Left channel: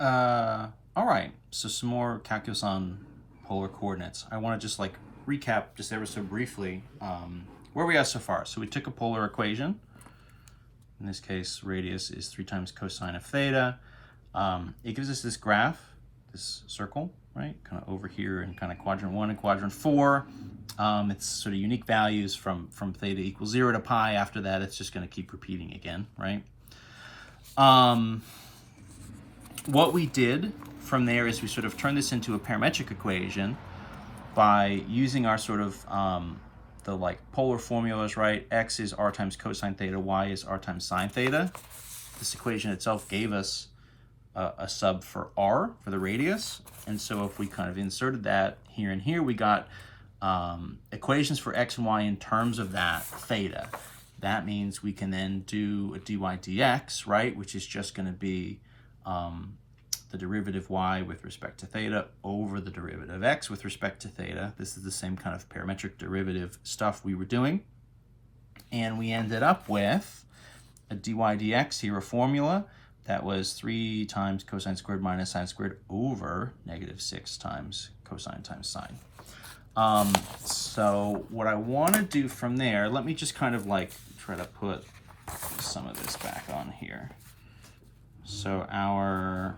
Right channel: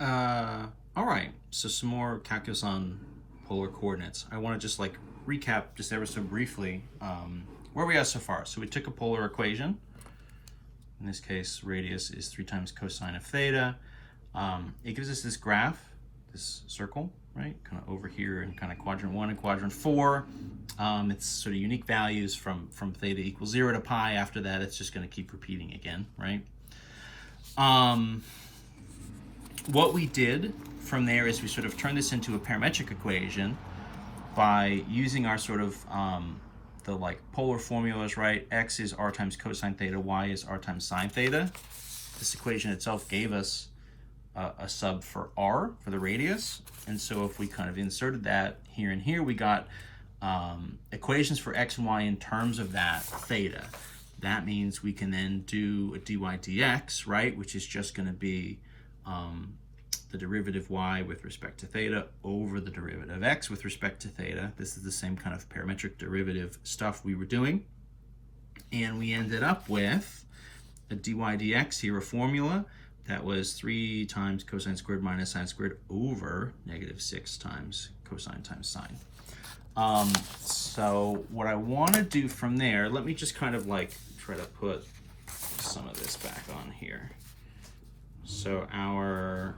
All right, so some more calculus on polar coordinates. I want to just like recap just ever so briefly where we are so far. So we took a polar equation. In this case, radius is 3 times cosine of theta. It gives us this graph, this circle, right? Kind of over here in kind of quadrant 1 and quadrant 4. It's sort of unique values from theta equals 0 to pi. After that, it's just going to keep repeating again, right? What we did from there is we sort of turned this into a parametric equation by using our sort of the like polar formulas, right? X is r times cosine theta, y is r times sine theta. This equation itself gave us a sub for r, for the radius. And so if we kind of inserted that here and here, we got equations for x and y in terms of that theta. That means we can then do a dy dx, right? Which is just going to be the derivative y with respect to theta over the derivative x with respect to theta. This is the same kind of parametric derivative stuff we were doing. And we ended up with a dy dx here, a formula that was 3 times cosine squared minus sine squared over negative 6 times cosine times sine. So what I want to do from there, let me just kind of like try to put some of this back on here. So our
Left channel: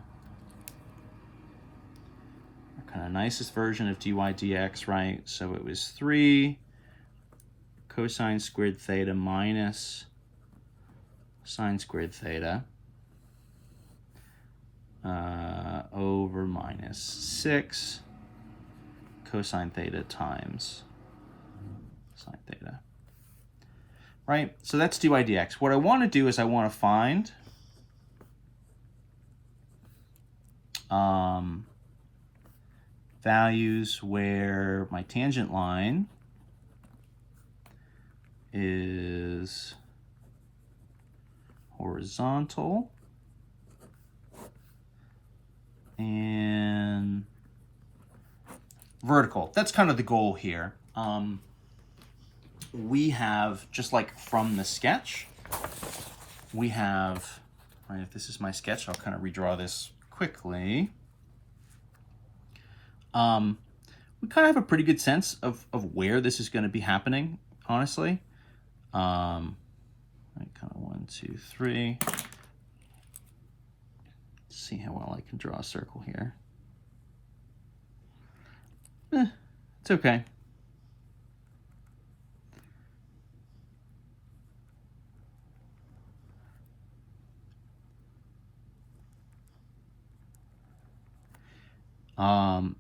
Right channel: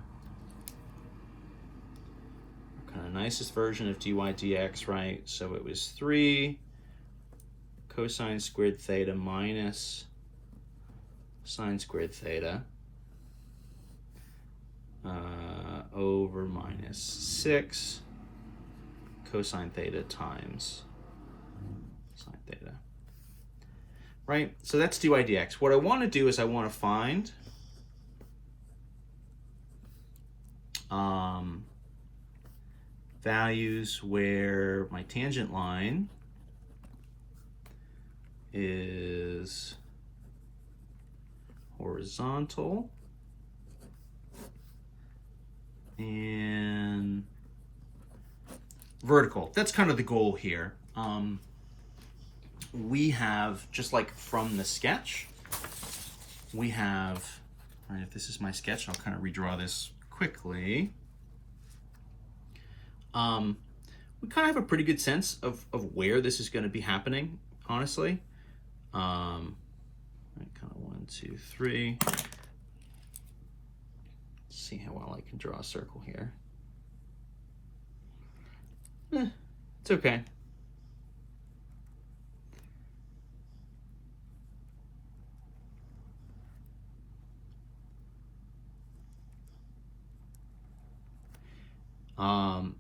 kind of nicest version of dy dx, right? So it was 3 cosine squared theta minus sine squared theta over minus 6 cosine theta times sine theta. Right? So that's dy dx. What I want to do is I want to find values where my tangent line is horizontal and vertical. That's kind of the goal here. We have, just like from the sketch, we have, right, if this is my sketch, I'll kind of redraw this quickly. We kind of have a pretty good sense of where this is going to be happening, honestly. Kind of 1, 2, 3. Let's see how well I can draw a circle here. It's okay.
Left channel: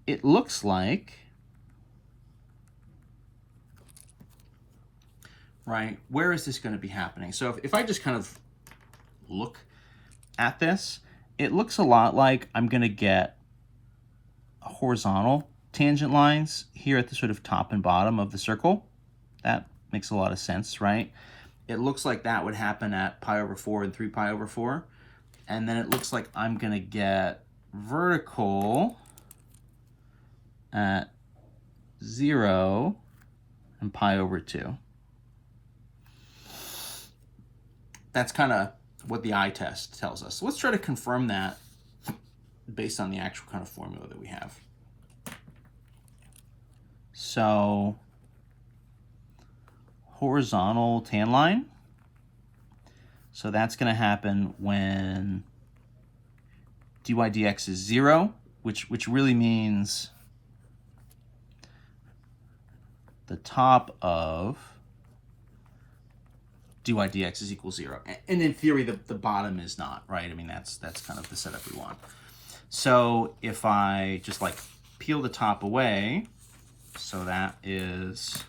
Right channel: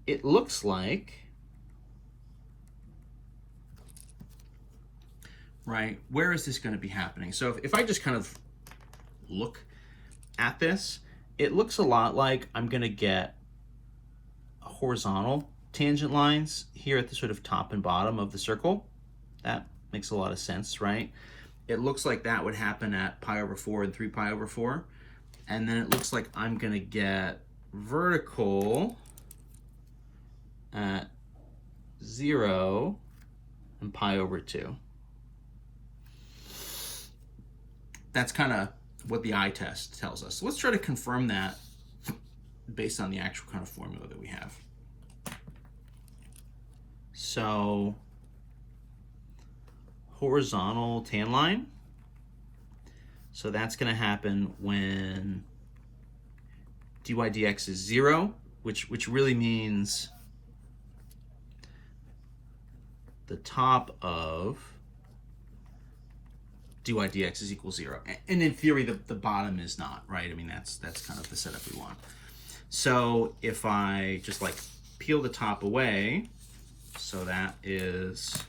It looks like, right, where is this going to be happening? So if I just kind of look at this, it looks a lot like I'm going to get horizontal tangent lines here at the sort of top and bottom of the circle. That makes a lot of sense, right? It looks like that would happen at pi over 4 and 3 pi over 4. And then it looks like I'm going to get vertical at 0 and pi over 2. That's kind of what the eye test tells us. So let's try to confirm that based on the actual kind of formula that we have. So horizontal tan line. So that's going to happen when dy dx is 0, which really means the top of dy dx is equal 0. And in theory, the bottom is not, right? I mean, that's kind of the setup we want. So if I just like peel the top away, so that is,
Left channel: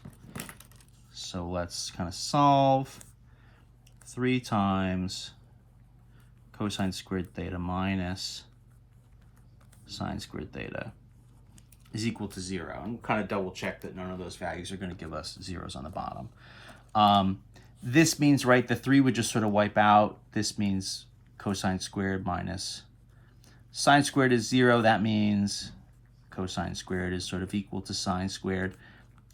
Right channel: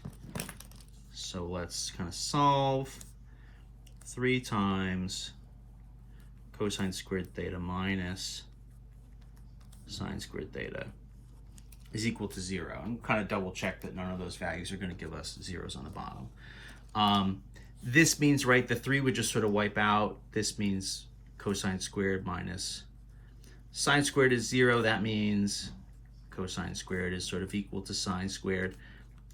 so let's kind of solve 3 times cosine squared theta minus sine squared theta is equal to 0. And kind of double check that none of those values are going to give us zeros on the bottom. This means, right, the 3 would just sort of wipe out. This means cosine squared minus sine squared is 0. That means cosine squared is sort of equal to sine squared.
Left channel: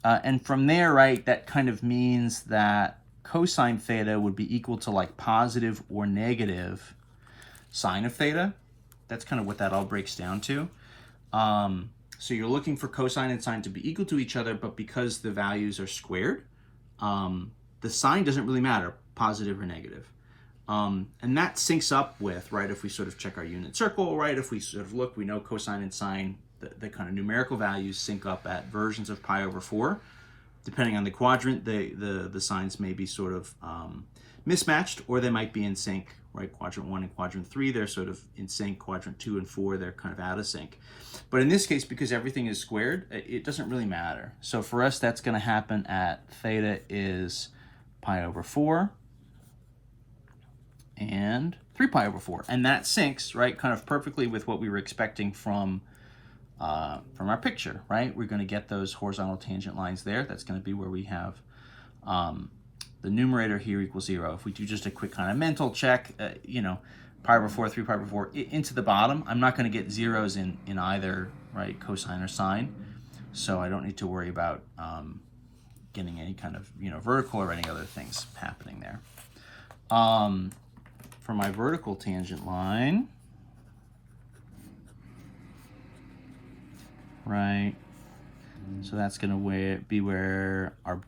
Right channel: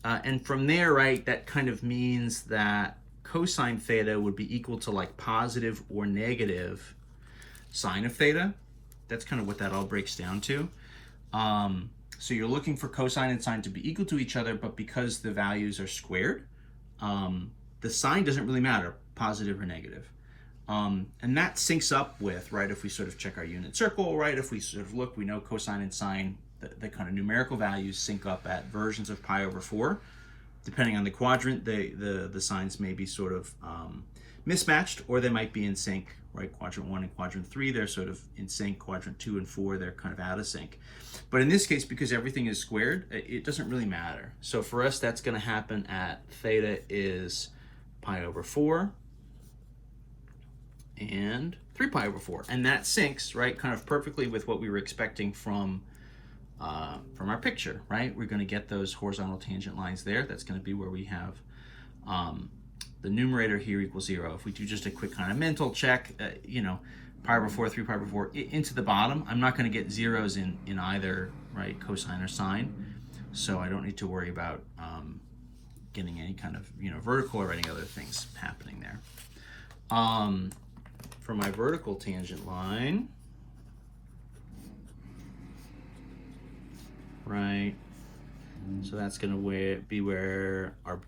And from there, right, that kind of means that cosine theta would be equal to like positive or negative sine of theta. that's kind of what that all breaks down to. So you're looking for cosine and sine to be equal to each other, but because the values are squared, the sign doesn't really matter, positive or negative. And that syncs up with, right, if we sort of check our unit circle, right, if we sort of look, we know cosine and sine, the kind of numerical values sync up at versions of pi over 4. Depending on the quadrant, the signs may be sort of mismatched, or they might be in sync, right? Quadrant 1 and quadrant 3, they're sort of in sync. Quadrant 2 and 4, they're kind of out of sync. But in this case, because everything is squared, it doesn't really matter. So for us, that's going to happen at theta is pi over 4 and 3 pi over 4. And that syncs, right, kind of perfectly with what we were expecting from our picture, right? We're going to get those horizontal tangent lines there. That's going to be where we have the numerator here equals 0. If we do just a quick kind of mental check, you know, pi over 4, 3 pi over 4, into the bottom, I'm not going to get zeros in either, right, cosine or sine. So I don't need to worry about getting any kind of, you know, vertical or any other things happening there. For my vertical tangent line, right, so that's going to be where our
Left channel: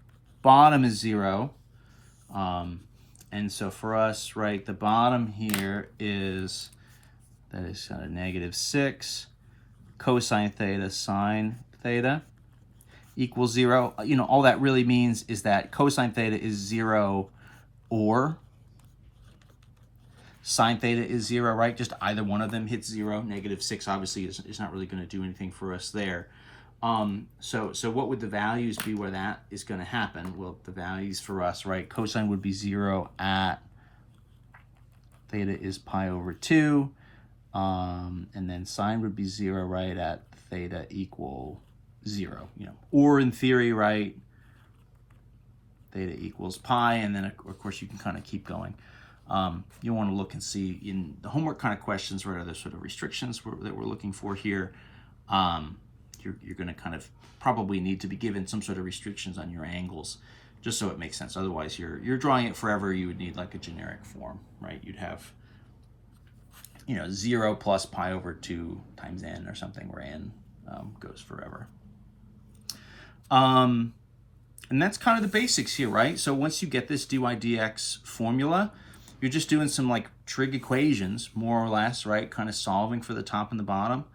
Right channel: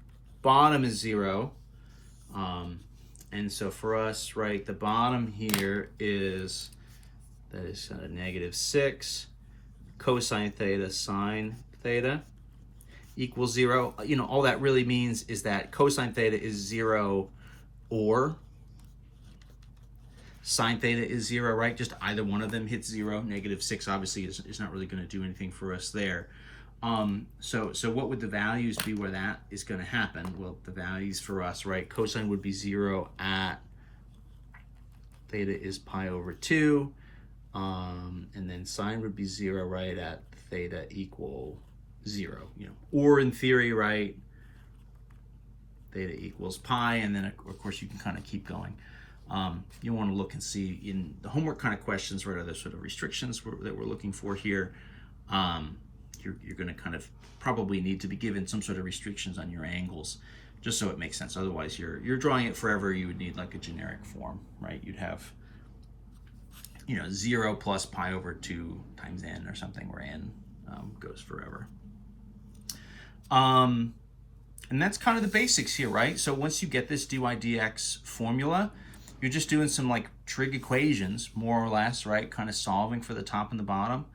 bottom is 0. And so for us, right, the bottom here is, that is -6 cosine theta sine theta equals 0. You know, all that really means is that cosine theta is 0 or sine theta is 0, right? Just either one of them hits 0. -6 obviously is not really going to do anything for us there. So what would the values be where that is going to happen? Well, the values for us, right, cosine would be 0 at theta is pi over 2, and then sine would be 0, right, at theta equal 0, you know, or in theory, right, theta equals pi, and then of course you can kind of keep going. You want to look and see in the homework kind of questions what are the sort of restrictions that we're looking for here. You're going to kind of probably need to be given some sort of restrictions on your angles, just so it makes sense. Otherwise, you're drawing it forever. You would need like a generic form, right? You'd have, you know, 0 plus pi over 2 times n or something, where n goes forever. And that's kind of the basics here, right? So once you get this dy dx formula, you're just doing some like trig equations, more or less, right? Kind of solving for the top and the bottom.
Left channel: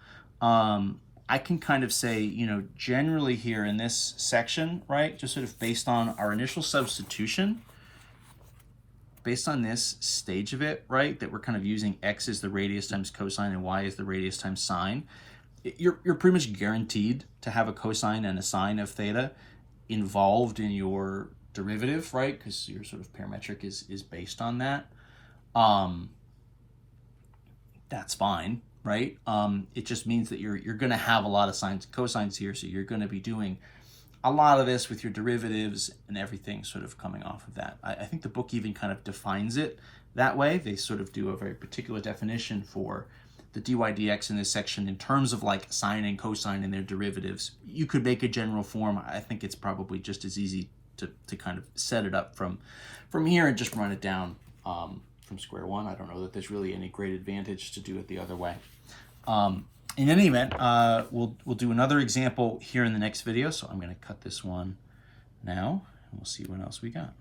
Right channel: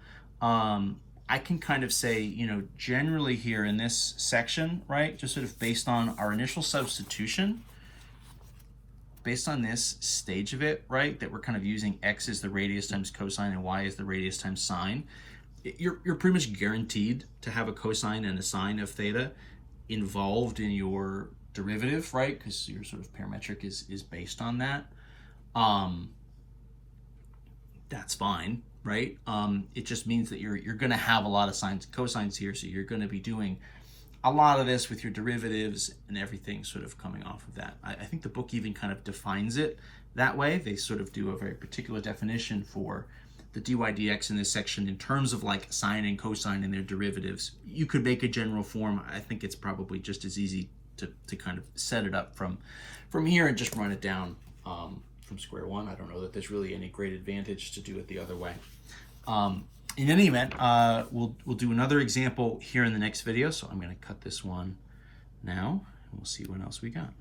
I can kind of say, you know, generally here in this section, right, just sort of based on our initial substitution, based on this stage of it, right, that we're kind of using x as the radius times cosine and y as the radius times sine, you're pretty much guaranteed to have a cosine and a sine of theta involved in your derivative, right, because your sort of parametric is based on that. That's fine, right? It just means that you're going to have a lot of sines and cosines here, so you're going to be doing a lot of this with your derivatives and everything sort of coming off of that. I think the book even kind of defines it that way. They sort of do a very particular definition for the dy dx in this section in terms of like sine and cosine and their derivatives. You could make a general form. I think it's probably just as easy to kind of set it up from here and just run it down from square one. I don't know that there's really any great advantage to do it the other way. In any event, we'll do another example here in the next video. So I'm going to cut this one now, and we'll see what else we got.